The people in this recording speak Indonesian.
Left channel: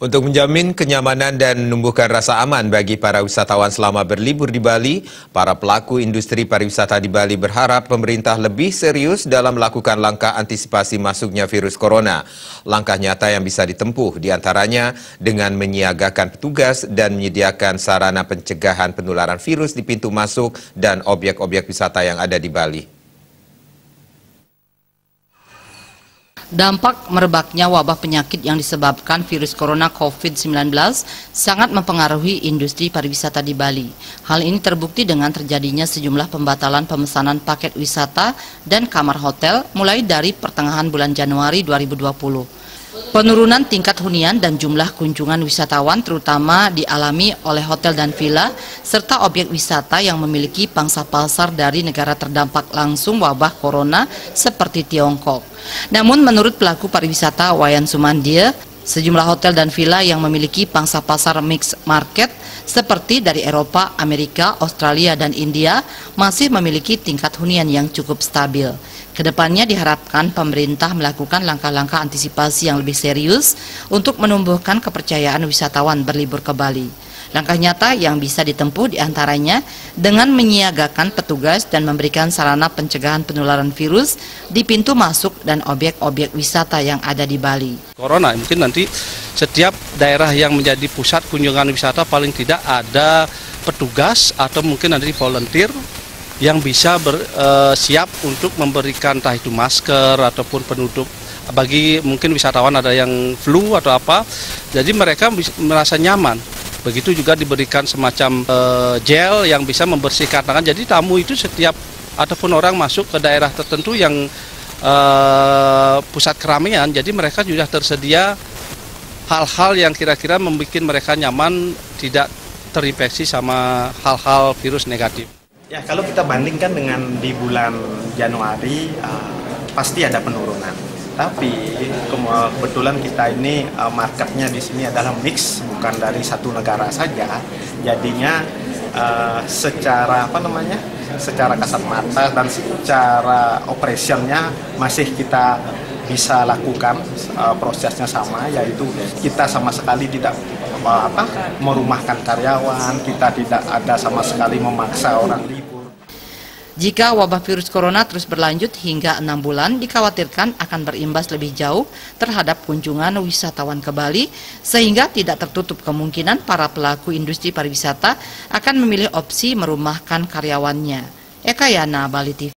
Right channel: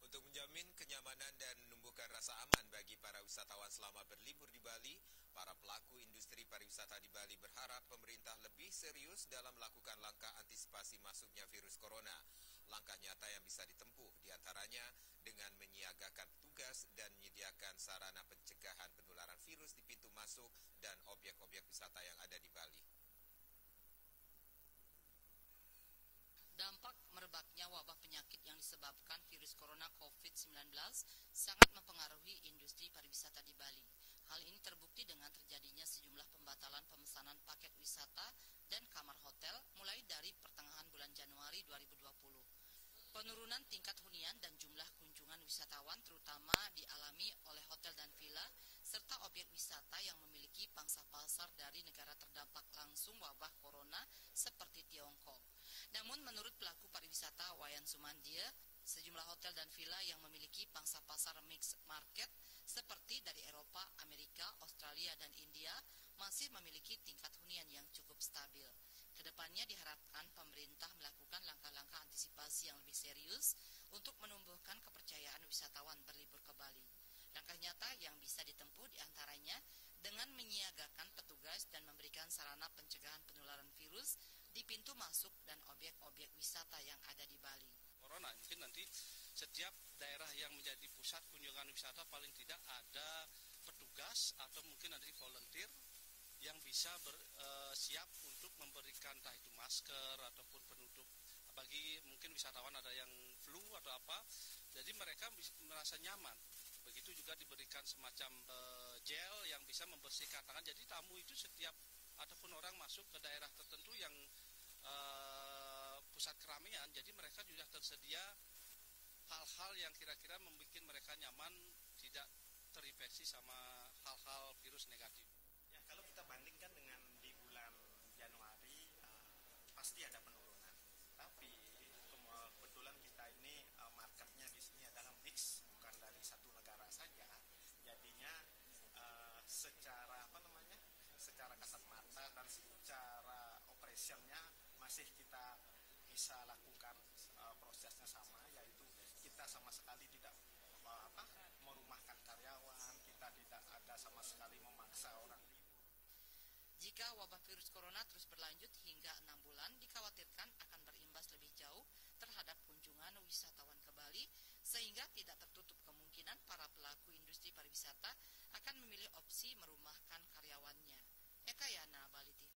Untuk menjamin kenyamanan dan menumbuhkan rasa aman bagi para wisatawan selama berlibur di Bali, para pelaku industri pariwisata di Bali berharap pemerintah lebih serius dalam melakukan langkah antisipasi masuknya virus corona. Langkah nyata yang bisa ditempuh diantaranya dengan menyiagakan petugas dan menyediakan sarana pencegahan penularan virus di pintu masuk dan objek-objek wisata yang ada di Bali. Dampak merebaknya wabah penyakit yang disebabkan virus corona COVID-19 sangat mempengaruhi industri pariwisata di Bali. Hal ini terbukti dengan terjadinya sejumlah pembatalan pemesanan paket wisata dan kamar hotel mulai dari pertengahan bulan Januari 2020. Penurunan tingkat hunian dan jumlah kunjungan wisatawan terutama dialami oleh hotel dan villa serta objek wisata yang memiliki pangsa pasar dari negara terdampak langsung wabah corona seperti Tiongkok. Namun menurut pelaku pariwisata Wayan Sumandia, sejumlah hotel dan villa yang memiliki pangsa pasar mixed market seperti dari Eropa, Amerika, Australia, dan India masih memiliki tingkat hunian yang cukup stabil. Kedepannya diharapkan pemerintah melakukan langkah-langkah antisipasi yang lebih serius untuk menumbuhkan kepercayaan wisatawan berlibur ke Bali. Langkah nyata yang bisa ditempuh diantaranya dengan menyiagakan petugas dan memberikan sarana pencegahan penularan virus di pintu masuk dan objek-objek wisata yang ada di Bali. Corona mungkin nanti setiap daerah yang menjadi pusat kunjungan wisata paling tidak ada petugas atau mungkin nanti volunteer yang bisa siap untuk memberikan entah itu masker ataupun penutup bagi mungkin wisatawan ada yang flu atau apa, jadi mereka merasa nyaman. Begitu juga diberikan semacam gel yang bisa membersihkan tangan. Jadi tamu itu setiap ataupun orang masuk ke daerah tertentu yang pusat keramaian, jadi mereka sudah tersedia hal-hal yang kira-kira membuat mereka nyaman, tidak terinfeksi sama hal-hal virus negatif. Ya, kalau kita bandingkan dengan di bulan Januari, pasti ada penurunan. Tapi kebetulan kita ini marketnya di sini adalah mix, bukan dari satu negara saja. Jadinya secara secara kasat mata dan secara operasionnya masih kita bisa lakukan prosesnya sama, yaitu kita sama sekali tidak merumahkan karyawan, kita tidak ada sama sekali memaksa orang libur. Jika wabah virus corona terus berlanjut hingga 6 bulan, dikhawatirkan akan berimbas lebih jauh terhadap kunjungan wisatawan ke Bali, sehingga tidak tertutup kemungkinan para pelaku industri pariwisata akan memilih opsi merumahkan karyawannya. Eka Yana, Bali TV.